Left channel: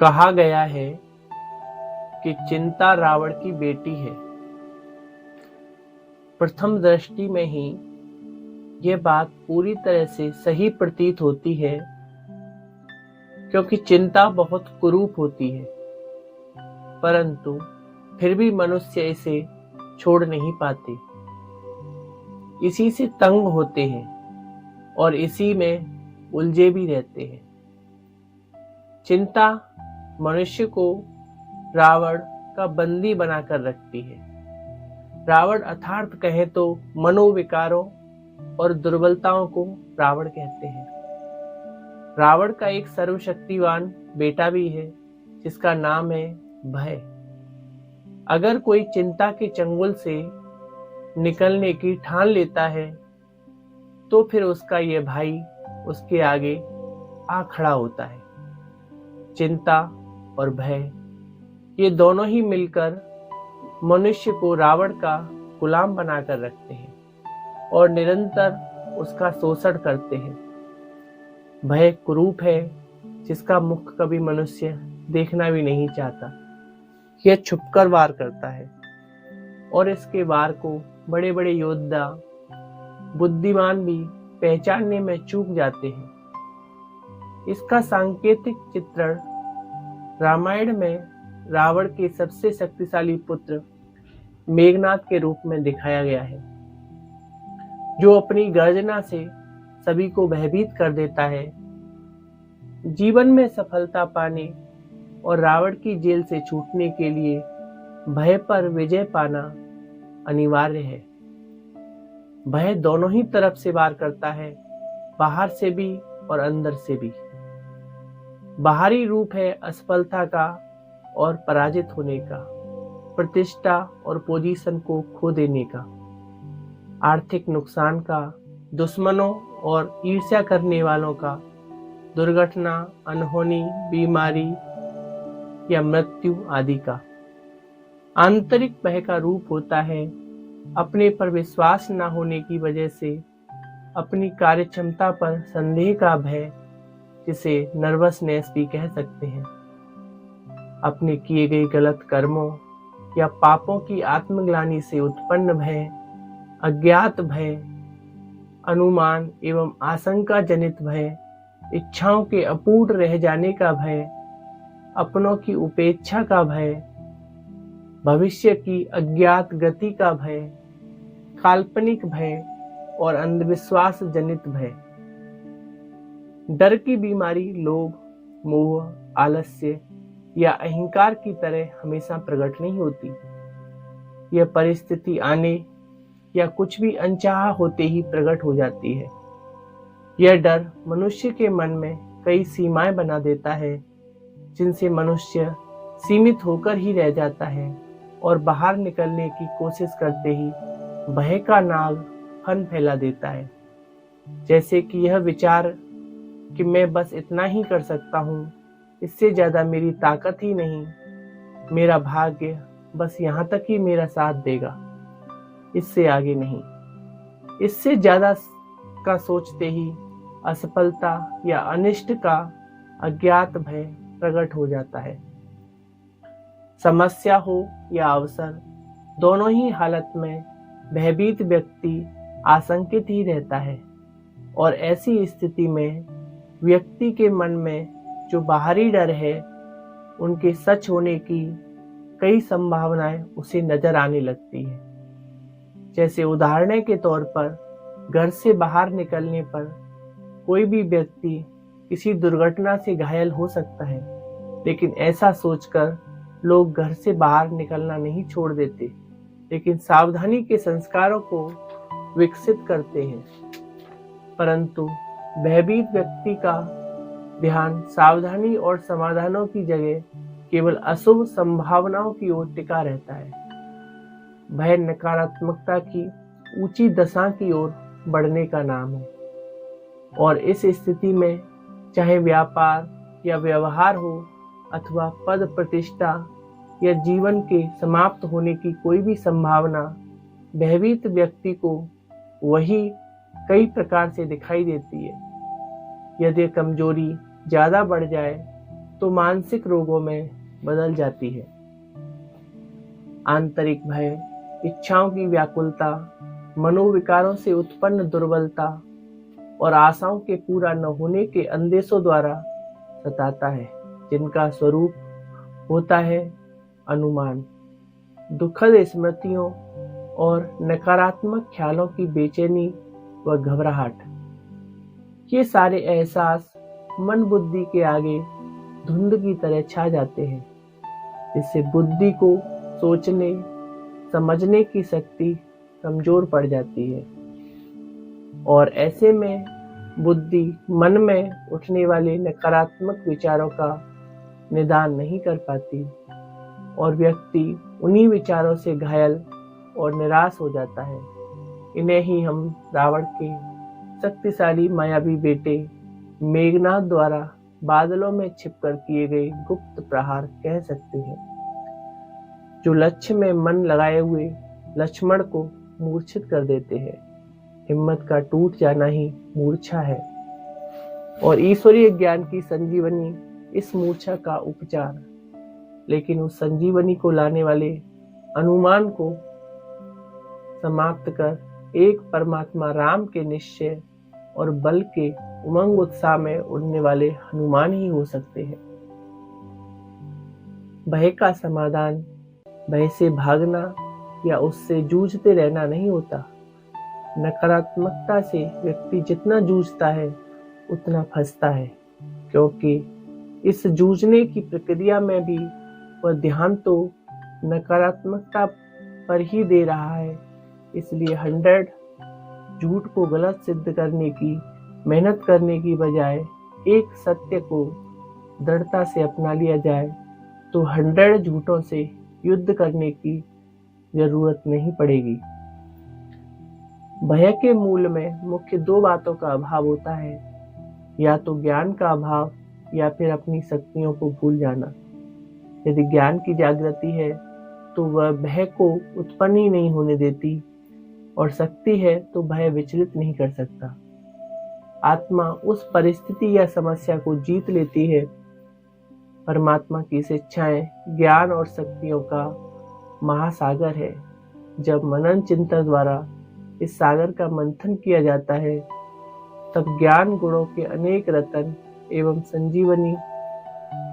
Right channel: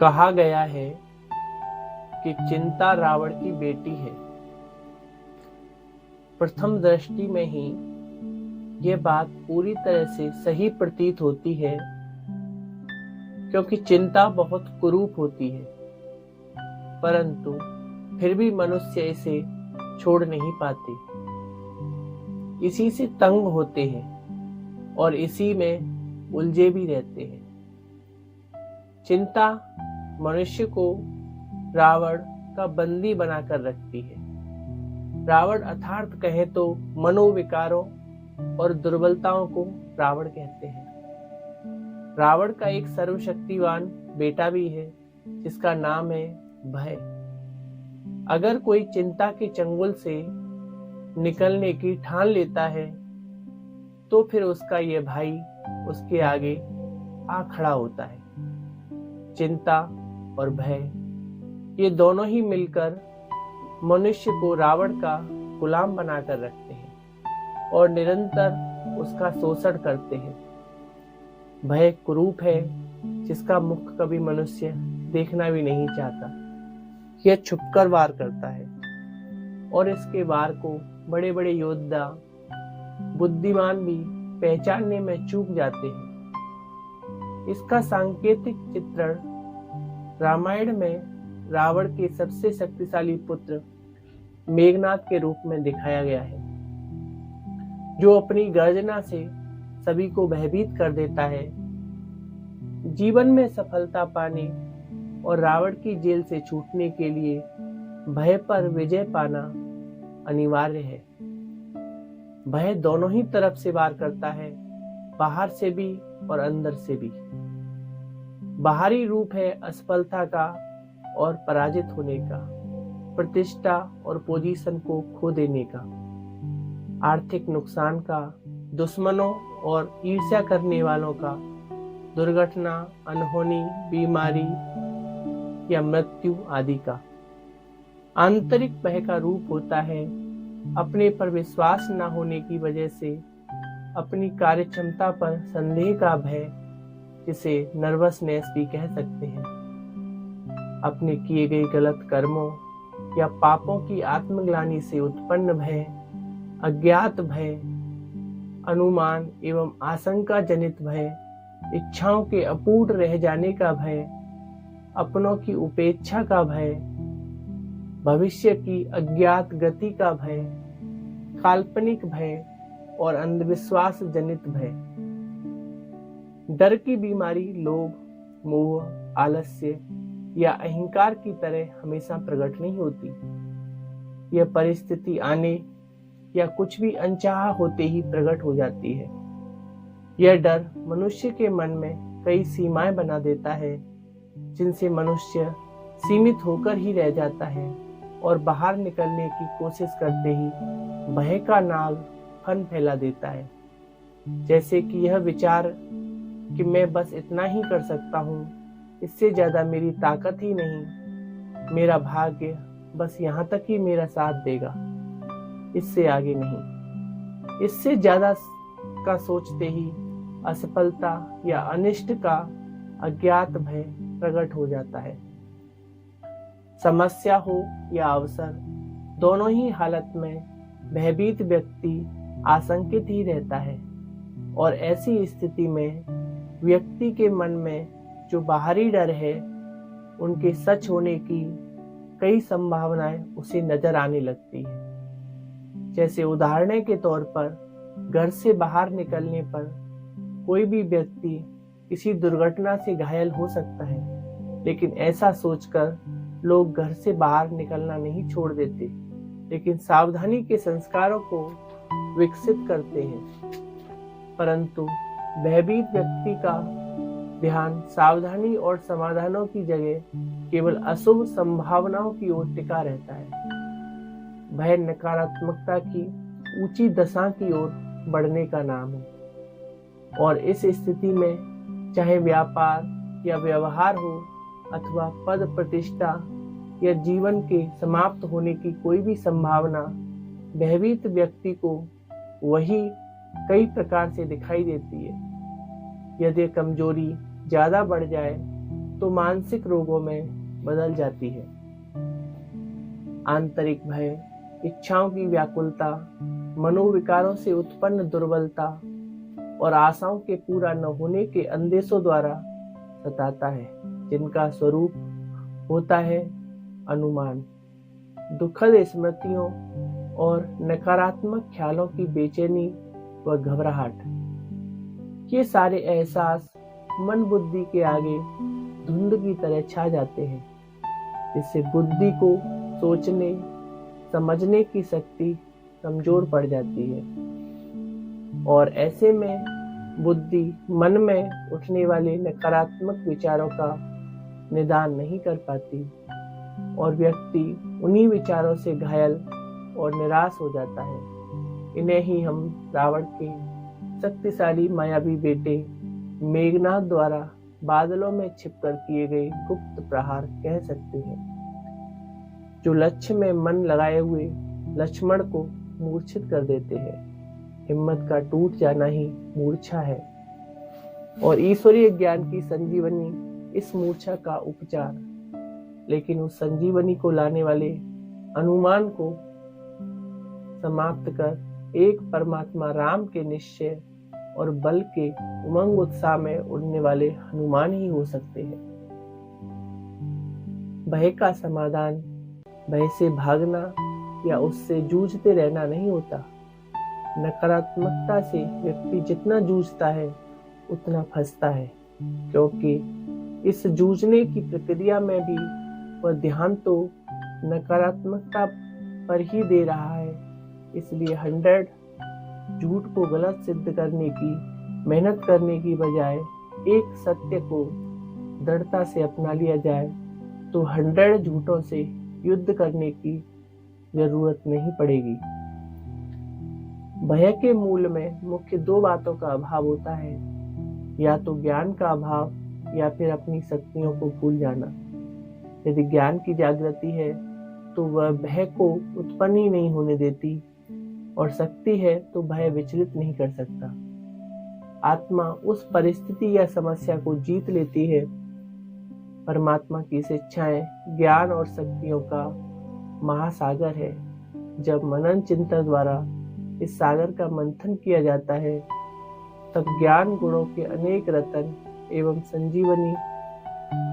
कहा गया है कि चिंता रावण की बेटी है। प्रथम दृष्टि में ही यह बात पूरी तरह से सही प्रतीत होती है, क्योंकि चिंता बहुत कुरूप होती है, परंतु फिर भी मनुष्य इसे छोड़ नहीं पाते। इसी से तंग होते हैं और इसी में उलझे भी रहते हैं। चिंता मनुष्य को रावण का बंदी बनाकर रखती है। रावण अर्थात कहें तो मनोविकारों और दुर्बलताओं को रावण कहते हैं। रावण का एक सर्वशक्तिवान बेटा भी है, जिसका नाम है भय। अगर कोई चिंता के चंगुल से निकलने की ठान लेता है, तो फिर उसका यह भाई उसके आगे आ खड़ा होता है। चिंता और भय ये दोनों ही मिलकर मनुष्य को रावण का गुलाम बनाकर रखते हैं और निरंतर उसका शोषण करते हैं। भय कुरूप है, जिसका मुख कभी मनुष्य देखना भी नहीं चाहता। यह छुपकर वार करता है और इसके वार को बड़े बड़े योद्धा बुद्धिमान भी पहचानने में चूक जाते हैं। इसका सांकेतिक चित्रण रामायण में रावण के सबसे शक्तिशाली पुत्र मेघनाद के रूप में दिखाया गया है, जो अपनी गर्जना से सभी को भयभीत कर देता है। जीवन में सफलता पाने और रावण की जेल से छूटने के लिए भय पर विजय पाना अनिवार्य है। भय दोनों ही तरफ से वार करता है, बाहर से भी और अंदर से भी। बाहरी रूप है असफलता का और पराजित होने का, प्रतिष्ठा और पोजीशन को खो देने का, आर्थिक नुकसान का, दुश्मनों और ईर्ष्या करने वालों का, दुर्घटना, अनहोनी, बीमारी या मृत्यु आदि का। आंतरिक भय का रूप होता है अपने पर विश्वास न होने की वजह से अपनी कार्यक्षमता पर संदेह का भय, जिसे नर्वसनेस भी कह सकते हैं। अपने किए गए गलत कर्मों या पापों की आत्मग्लानि से उत्पन्न भय, अज्ञात भय, अनुमान एवं आशंका जनित भय, इच्छाओं के अपूर्ण रह जाने का भय, अपनों की उपेक्षा का भय, भविष्य की अज्ञात गति का भय, काल्पनिक भय और अंधविश्वास जनित भय। डर की बीमारी लोभ, मोह, आलस्य या अहंकार की तरह हमेशा प्रकट नहीं होती। यह परिस्थिति आने या कुछ भी अनचाहा होते ही प्रकट हो जाती है। यह डर मनुष्य के मन में कई सीमाएं बना देता है, जिनसे मनुष्य सीमित होकर ही रह जाता है और बाहर निकलने की कोशिश करते ही भय का नाग फन फैला देता है। जैसे कि यह विचार कि मैं बस इतना ही कर सकता हूँ, इससे ज्यादा मेरी ताकत ही नहीं, मेरा भाग्य बस यहाँ तक ही मेरा साथ देगा, इससे आगे नहीं। इससे ज्यादा का सोचते ही असफलता या अनिष्ट का अज्ञात भय प्रकट हो जाता है। समस्या हो या अवसर, दोनों ही हालत में भयभीत व्यक्ति आशंकित ही रहता है और ऐसी स्थिति में व्यक्ति के मन में जो बाहरी डर है, उनके सच होने की कई संभावनाएं उसे नजर आने लगती है। जैसे उदाहरण के तौर पर घर से बाहर निकलने पर कोई भी व्यक्ति किसी दुर्घटना से घायल हो सकता है, लेकिन ऐसा सोचकर लोग घर से बाहर निकलना नहीं छोड़ देते, लेकिन सावधानी के संस्कारों को विकसित करते हैं। परंतु भयभीत व्यक्ति का ध्यान सावधानी और समाधानों की जगह केवल अशुभ संभावनाओं की ओर टिका रहता है। भय नकारात्मकता की ऊंची दशा की ओर बढ़ने का नाम है और इस स्थिति में चाहे व्यापार या व्यवहार हो अथवा पद प्रतिष्ठा या जीवन के समाप्त होने की कोई भी संभावना भयभीत व्यक्ति को वही कई प्रकार से दिखाई देती है। यदि कमजोरी ज्यादा बढ़ जाए तो मानसिक रोगों में बदल जाती है। आंतरिक भय, इच्छाओं की व्याकुलता, मनोविकारों से उत्पन्न दुर्बलता और आशाओं के पूरा न होने के अंदेशों द्वारा सताता है, जिनका स्वरूप होता है अनुमान, दुखद स्मृतियों और नकारात्मक ख्यालों की बेचैनी व घबराहट। ये सारे एहसास मन बुद्धि के आगे धुंध की तरह छा जाते हैं, जिससे बुद्धि को सोचने समझने की शक्ति कमजोर पड़ जाती है और ऐसे में बुद्धि मन में उठने वाले नकारात्मक विचारों का निदान नहीं कर पाती और व्यक्ति उन्हीं विचारों से घायल और निराश हो जाता है। इन्हें ही हम रावण के शक्तिशाली मायावी बेटे मेघनाद द्वारा बादलों में छिपकर किए गए गुप्त प्रहार कह सकते हैं, जो लक्ष्य में मन लगाए हुए लक्ष्मण को मूर्छित कर देते हैं। हिम्मत का टूट जाना ही मूर्छा है और ईश्वरीय ज्ञान की संजीवनी इस मूर्छा का उपचार। लेकिन उस संजीवनी को लाने वाले अनुमान को समाप्त कर एक परमात्मा राम के निश्चय और बल के उमंग उत्साह में उड़ने वाले हनुमान ही हो सकते हैं। भय का समाधान भय से भागना या उससे जूझते रहना नहीं होता। नकारात्मकता से व्यक्ति जितना जूझता है उतना फंसता है, क्योंकि इस जूझने की प्रक्रिया में भी वह ध्यान तो नकारात्मकता पर ही दे रहा है। इसलिए 100 झूठ को गलत सिद्ध करने की मेहनत करने की बजाय एक सत्य को दृढ़ता से अपना लिया जाए तो 100 झूठों से युद्ध करने की जरूरत नहीं पड़ेगी। भय के मूल में मुख्य 2 बातों का अभाव होता है, या तो ज्ञान का अभाव या फिर अपनी शक्तियों को भूल जाना। यदि ज्ञान की जागृति है तो वह भय को उत्पन्न ही नहीं होने देती और शक्ति है तो भय विचलित नहीं कर सकता। आत्मा उस परिस्थिति या समस्या को जीत लेती है। परमात्मा की शिक्षाएं ज्ञान और शक्तियों का महासागर है। जब मनन चिंतन द्वारा इस सागर का मंथन किया जाता है तब ज्ञान गुणों के अनेक रतन एवं संजीवनी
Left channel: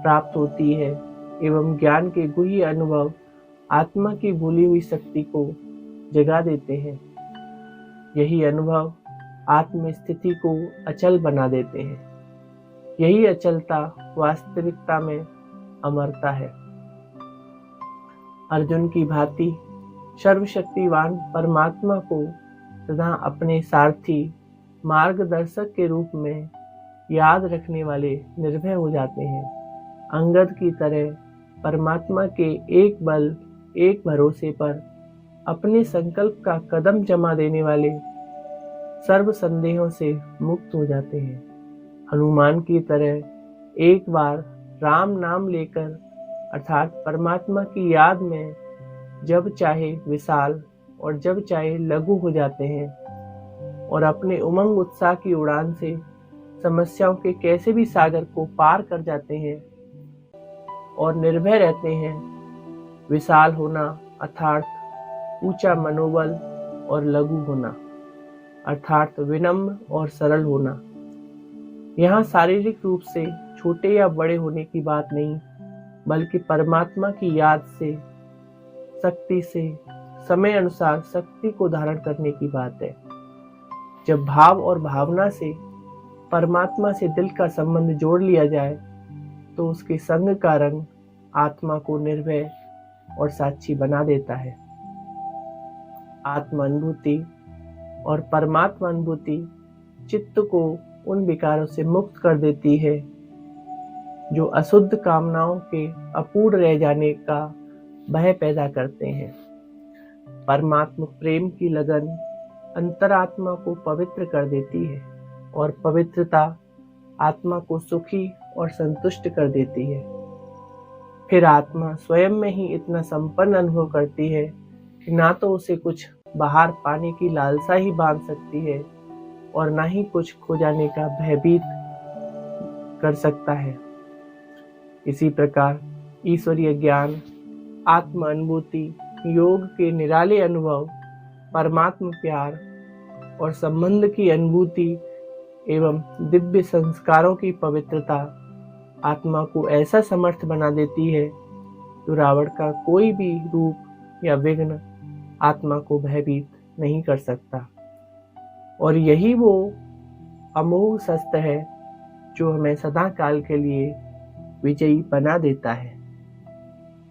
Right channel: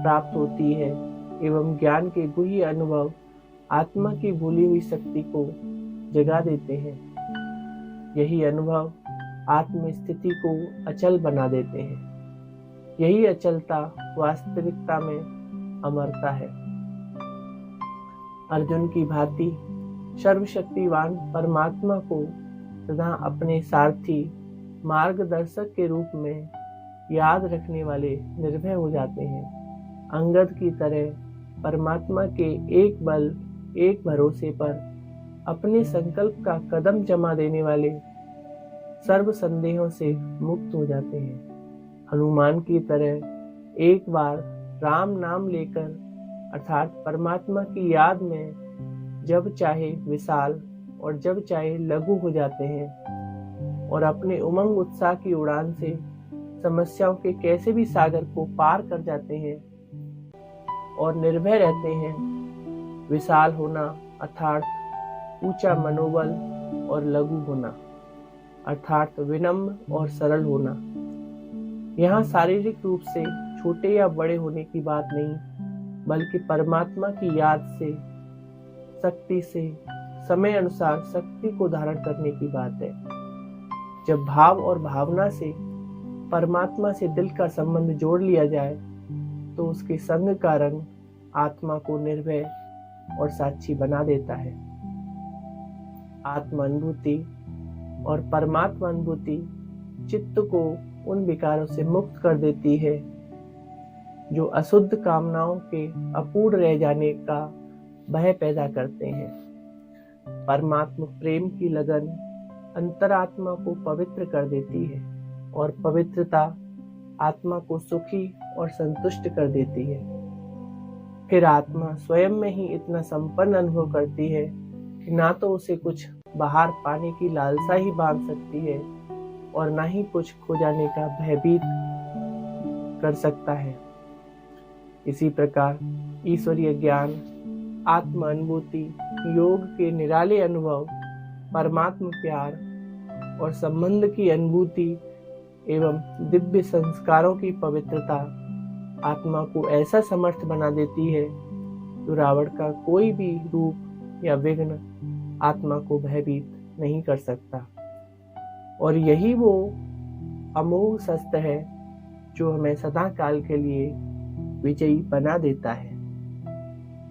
प्राप्त होती है एवं ज्ञान के गुह्य अनुभव आत्मा की भूली हुई शक्ति को जगा देते हैं। यही अनुभव आत्म स्थिति को अचल बना देते हैं। यही अचलता वास्तविकता में अमरता है। अर्जुन की भांति सर्वशक्तिवान परमात्मा को सदा अपने सारथी मार्गदर्शक के रूप में याद रखने वाले निर्भय हो जाते हैं। अंगद की तरह परमात्मा के एक बल एक भरोसे पर अपने संकल्प का कदम जमा देने वाले सर्व संदेहों से मुक्त हो जाते हैं। हनुमान की तरह एक बार राम नाम लेकर अर्थात परमात्मा की याद में जब चाहे विशाल और जब चाहे लघु हो जाते हैं और अपने उमंग उत्साह की उड़ान से समस्याओं के कैसे भी सागर को पार कर जाते हैं और निर्भय रहते हैं। विशाल होना अर्थात ऊंचा मनोबल और लघु होना अर्थात विनम्र और सरल होना। यहाँ शारीरिक रूप से छोटे या बड़े होने की बात नहीं, बल्कि परमात्मा की याद से शक्ति से समय अनुसार शक्ति को धारण करने की बात है। जब भाव और भावना से परमात्मा से दिल का संबंध जोड़ लिया जाए तो उसके संग का रंग आत्मा को निर्भय और साक्षी बना देता है। आत्म अनुभूति और परमात्मा अनुभूति चित्त को उन विकारों से मुक्त कर देती है जो अशुद्ध कामनाओं के अपूर्ण रह जाने का भय पैदा करते हैं। परमात्मा प्रेम की लगन अंतरात्मा को पवित्र कर देती है और पवित्रता आत्मा को सुखी और संतुष्ट कर देती है। फिर आत्मा स्वयं में ही इतना संपन्न अनुभव करती है कि ना तो उसे कुछ बाहर पाने की लालसा ही बांध सकती है और ना ही कुछ खो जाने का भयभीत कर सकता है। इसी प्रकार ईश्वरीय ज्ञान, आत्म अनुभूति, योग के निराले अनुभव, परमात्मा प्यार और संबंध की अनुभूति एवं दिव्य संस्कारों की पवित्रता आत्मा को ऐसा समर्थ बना देती है तो रावण का कोई भी रूप या विघ्न आत्मा को भयभीत नहीं कर सकता। और यही वो अमोघ शस्त्र है जो हमें सदा काल के लिए विजयी बना देता है।